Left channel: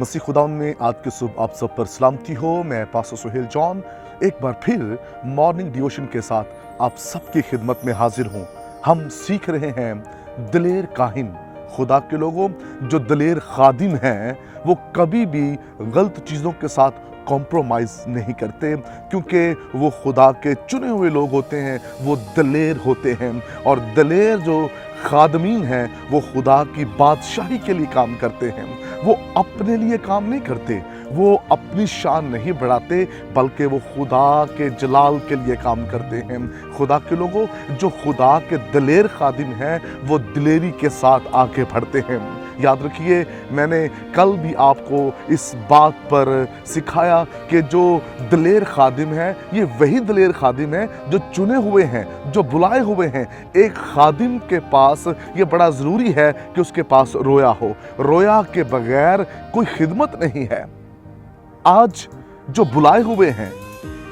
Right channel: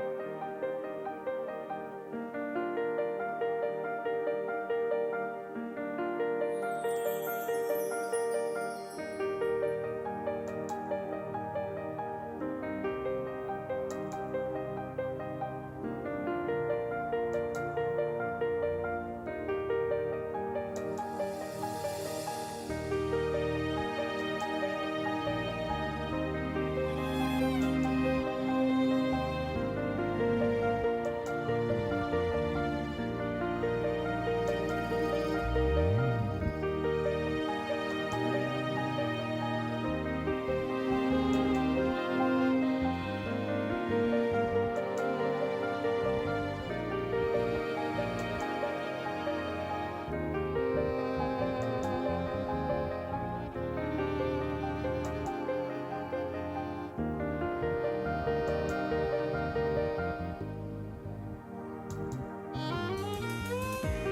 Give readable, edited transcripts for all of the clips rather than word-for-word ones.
मसीह खुदा में आज की सुबह आप सब पर सलामती हो। मैं पास्टर सुहेल जॉन एक बार फिर मॉर्निंग डिवोशन के साथ आप सबकी खिदमत में हाजिर हूँ। हम सीख रहे हैं दिलेर काहिन। खुदा के लोगों, जो दिलेर खादिम हैं वो कभी भी गलत चीज़ों के साथ कॉम्प्रोमाइज़ नहीं करते, क्योंकि वो खुदा के चुने हुए लोग होते हैं, वो दिलेर होते हैं। और दिलेर जो खादमीन हैं वो खुदा की बादशाही के लिए काम करते हैं। वो अपने लिए काम नहीं करते, वो अपनी शान नहीं बढ़ाते, बल्कि वो खुदा के जलाल के लिए काम करते हैं। खुदा के लोगों, जो खुदा के दिलेर खादिम हैं वो दिलेरी के साथ आगे बढ़ते हैं। याद रखिए, मैंने कल भी आपको इस बात पर सिखाया कि जो दिलेर खादिम है ये वही दिलेर खादिम है जो चुने हुए हैं, जो बुलाए हुए हैं। एक खादिम के पास ये बड़ा ज़रूरी है कि उसके पास रोया हो। रोया के बगैर कोई खिदमत नहीं है। आज जो बुलाए हुए हैं,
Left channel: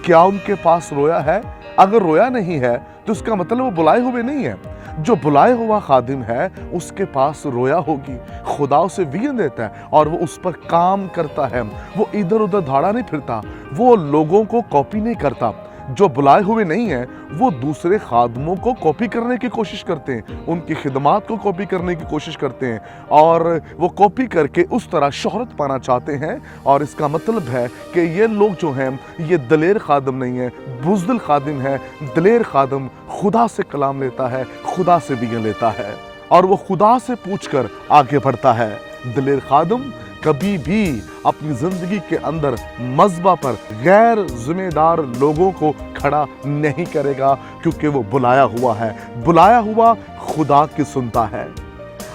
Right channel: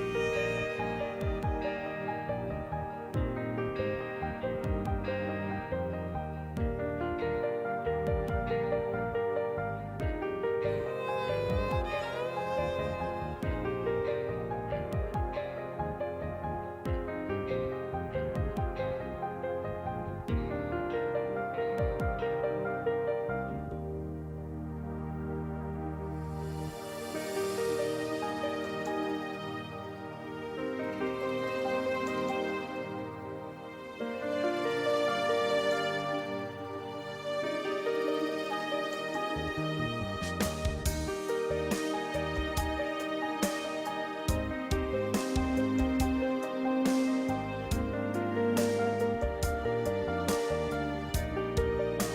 क्या उनके पास रोया है? अगर रोया नहीं है तो उसका मतलब वो बुलाए हुए नहीं है। जो बुलाए हुआ खादिम है उसके पास रोया होगी। खुदा उसे विजन देता है और वो उस पर काम करता है। वो इधर उधर धाड़ा नहीं फिरता, वो लोगों को कॉपी नहीं करता। जो बुलाए हुए नहीं है वो दूसरे खादमों को कॉपी करने की कोशिश करते हैं, उनकी खिदमात को कॉपी करने की कोशिश करते हैं और वो कॉपी करके उस तरह शोहरत पाना चाहते हैं। और इसका मतलब है कि ये लोग जो हैं ये दिलेर खादम नहीं है, बुज़दिल खादिम है। दिलेर खादम खुदा से कलाम लेता है, खुदा से विजन लेता है और वो खुदा से पूछकर आगे बढ़ता है। दिलेर खादम कभी भी अपनी जिंदगी के अंदर मज़बा पर गैर जिम्मेदार लोगों को खड़ा नहीं करेगा, क्योंकि वो बुलाया हुआ है। बुलाया हुआ खुदा की सुनता है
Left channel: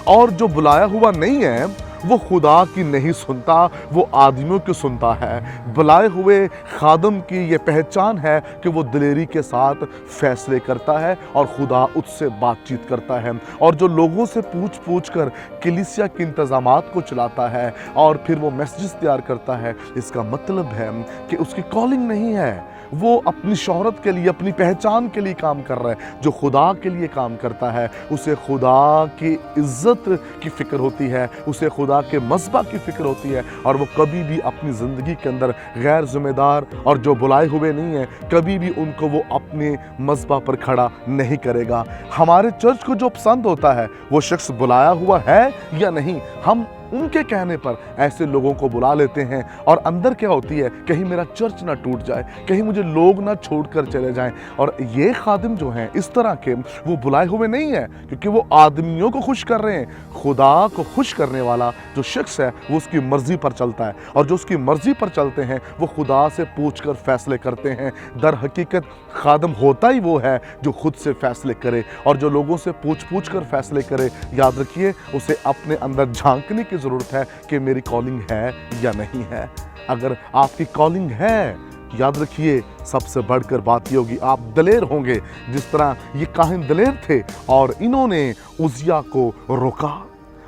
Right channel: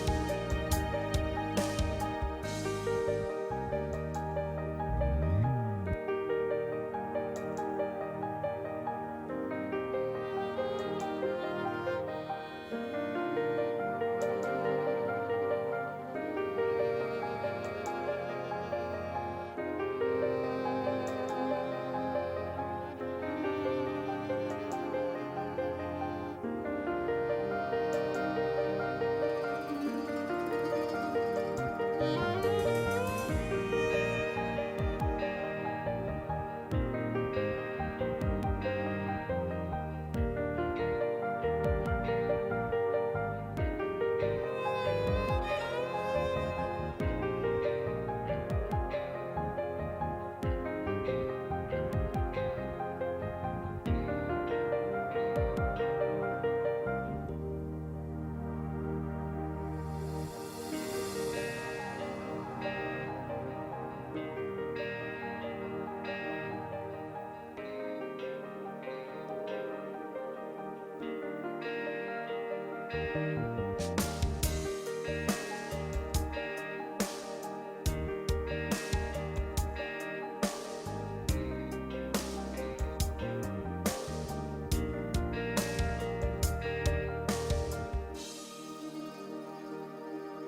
और जो बुलाया हुआ नहीं है वो खुदा की नहीं सुनता, वो आदमियों की सुनता है। बुलाए हुए खादम की ये पहचान है कि वो दिलेरी के साथ फैसले करता है और खुदा उससे बातचीत करता है। और जो लोगों से पूछ कर कलीसिया के इंतजामात को चलाता है और फिर वो मैसेजेस तैयार करता है, इसका मतलब है कि उसकी कॉलिंग नहीं है, वो अपनी शोहरत के लिए, अपनी पहचान के लिए काम कर रहा है। जो खुदा के लिए काम करता है उसे खुदा की इज्जत की फिक्र होती है, उसे खुदा के मज़बा की फिक्र होती है और वो कभी भी अपनी ज़िंदगी के अंदर गैर जिम्मेदार और जो बुलाए हुए नहीं है, कभी भी उनको वो अपने मज़बा पर खड़ा नहीं करेगा। हमारे चर्च को जो पसंद होता है वो शख्स बुलाया हुआ है या नहीं, हम उनके कहने पर ऐसे लोगों को बुला लेते हैं और अंदर क्या होती है, कहीं मेरा चर्च ना टूट जाए, कहीं मुझे लोग ना छोड़कर चले जाएं। और ये खादिम जो हैं इस तरह के, वो बुलाए हुए नहीं है, क्योंकि वो आदमियों को खुश कर रहे हैं। खुदा को खुश करने वाला जो शख्स है वो उसकी मर्जी पर चलता है और जो उसकी मर्जी पर चलते हैं वो खुदा से पूछकर फैसले करते हैं। दर हकीकत खादिम होता ही वो है जो खुद से फैसले करे और जो लोगों से पूछ कर फैसले करे। याद रखिए, उसे अपने अंदर झांकने की ज़रूरत है कि मेरी कॉलिंग है या नहीं है। अगर आपकी कॉलिंग है, याद रखिए, सबसे बढ़कर बात ये होगी, आप दिलेर होंगे जिस तरह ये काहिन दिलेर थे और इन्होंने उजिया को रोका।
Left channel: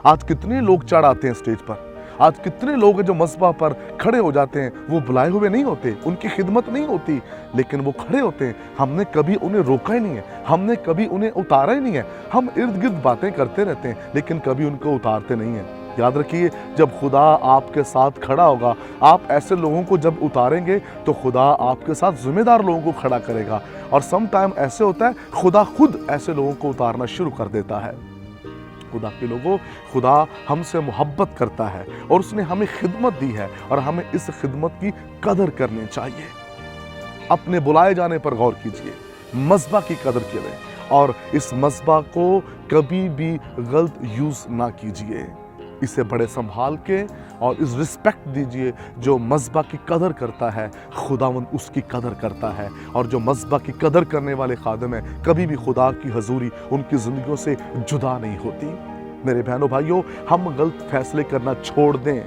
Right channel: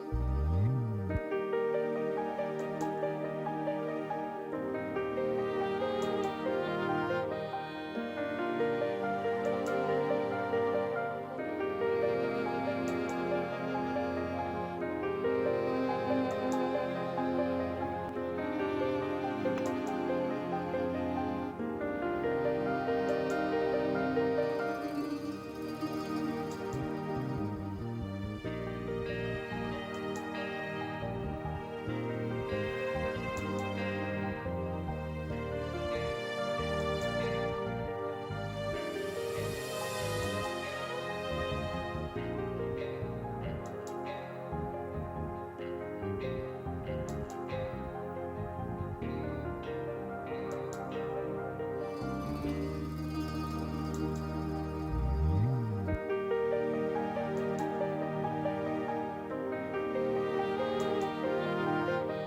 आज कितने लोग चढ़ आते हैं स्टेज पर, आज कितने लोग हैं जो मज़बा पर खड़े हो जाते हैं, वो बुलाए हुए नहीं होते, उनकी खिदमत नहीं होती, लेकिन वो खड़े होते हैं। हमने कभी उन्हें रोका ही नहीं है, हमने कभी उन्हें उतारा ही नहीं है। हम इर्द गिर्द बातें करते रहते हैं लेकिन कभी उनको उतारते नहीं हैं। याद रखिए, जब खुदा आपके साथ खड़ा होगा, आप ऐसे लोगों को जब उतारेंगे तो खुदा आपके साथ जिम्मेदार लोगों को खड़ा करेगा। और सम टाइम ऐसे होता है, खुदा खुद ऐसे लोगों को उतारना शुरू कर देता है। खुदा के लोगों, खुदा हमसे मोहब्बत करता है और उसने हमें खिदमत दी है और हमें इस खिदमत की कदर करनी चाहिए। अपने बुलाए जाने पर गौर कीजिए, मज़बा की कदर कीजिए और इस मज़बा को कभी भी गलत यूज़ ना कीजिए। इसे बड़े संभाल के और इस रिस्पेक्ट दीजिए। जो मज़बा की कदर करता है खुदावंद उसकी कदर करता है और जो मज़बा की कदर करने वाले खादिम हैं, कभी भी खुदा की हजूरी उनकी ज़िंदगियों से जुदा नहीं होती। मेरे बहनों भाइयों, हम गलत फैसले करना छोड़ दें,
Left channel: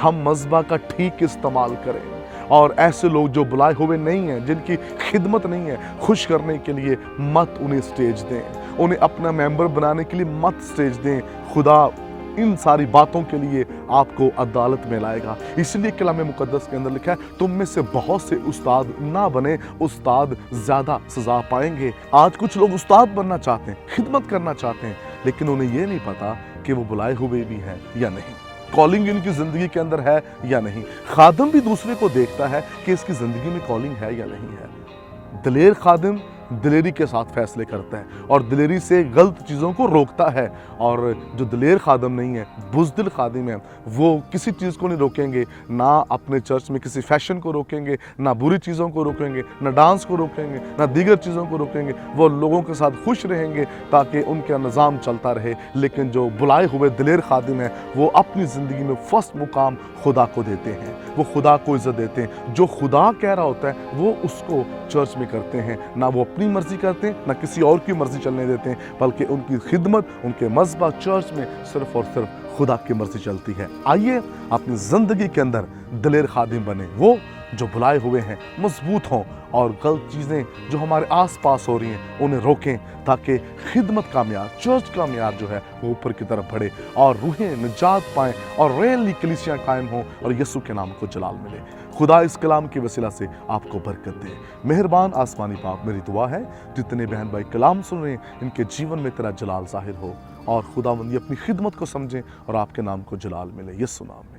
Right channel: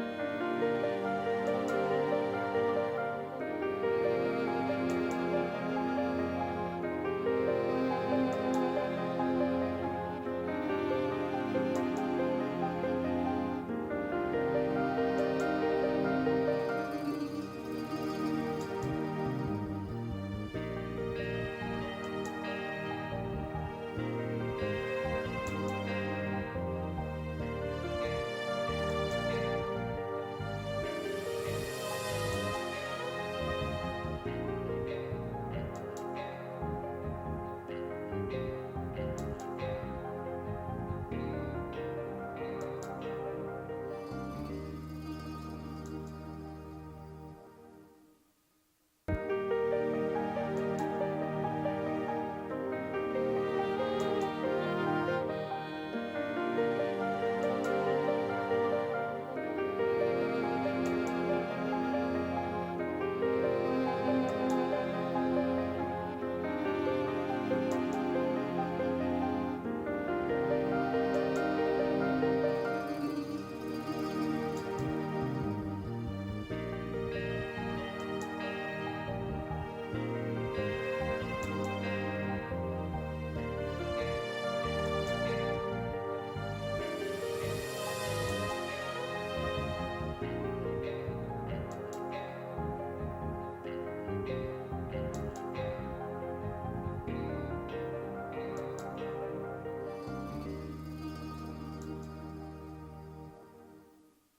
हम मज़बा का ठीक इस्तेमाल करें और ऐसे लोग जो बुलाए हुए नहीं हैं, जिनकी खिदमत नहीं है, खुश करने के लिए मत उन्हें स्टेज दें, उन्हें अपना मेंबर बनाने के लिए मत स्टेज दें। खुदा इन सारी बातों के लिए आपको अदालत में लाएगा। इसलिए कलाम मुकद्दस के अंदर लिखा है, तुम में से बहुत से उस्ताद ना बने, उस्ताद ज़्यादा सज़ा पाएंगे। आज कुछ लोग उस्ताद बनना चाहते हैं, खिदमत करना चाहते हैं, लेकिन उन्हें ये नहीं पता कि वो बुलाए हुए भी हैं या नहीं। कॉलिंग इनकी ज़िंदगी के अंदर है या नहीं। खादिम भी दूसरे को देखता है कि इसकी ज़िंदगी में कॉलिंग है या नहीं है। दिलेर खादिम दिलेरी के साथ फैसले करता है और दिलेरी से गलत चीज़ों को रोकता है। और जो दिलेर खादिम नहीं है, बुज़दिल खादिम है, वो किसी चीज़ को नहीं रोकेंगे, ना अपने चर्च में किसी फैशन को रोकेंगे, ना बुरी चीज़ों को रोकेंगे, ना डांस को रोकेंगे, ना दीगर चीज़ों को रोकेंगे। वो लोगों के साथ खुश रहेंगे ताकि उनका निज़ाम चलता रहे। लेकिन जो बुलाए हुए दिलेर खादिम हैं, वो अपनी ज़िंदगी में फ़र्स्ट मुकाम खुदा को देते हैं, वो खुदा को इज़्ज़त देते हैं। जो खुदा कह रहा होता है वो उसको चर्च में करते हैं, ना वो अपनी मर्ज़ी करते हैं, ना किसी और की मर्ज़ी चलने देते हैं, बल्कि उनकी खिदमत, उनके मज़बा चर्च में सिर्फ़ और सिर्फ खुदा की मर्ज़ी चलती है। आइए अपनी ज़िंदगी के अंदर दिलेर खादिम बने, वो जो बुलाए हुए हैं मजबूत हों और गलत चीज़ें जो हमारे आसपास हो रही हैं उन्हें रोकें, ताकि खिदमत का मियार, चर्च का मियार जो है वो ऊपर की तरफ बढ़े और रूहें निजात पाएँ और रियली कलीसियाँ कायम हों और यीशु के नाम को जलाल मिले। खुदा इस कलाम की वसीला से आपको बरकत दे। मेहरबान आसमानी बाप, मेरी दुआ है जितने बहन भाई कलाम सुन रहे हैं इनके जीवन में तेरा जलाल ज़ाहिर हो और खुदावंदी अपनी खिदमत को समझें और आपके नाम को जलाल मिले। यीशु नाम में।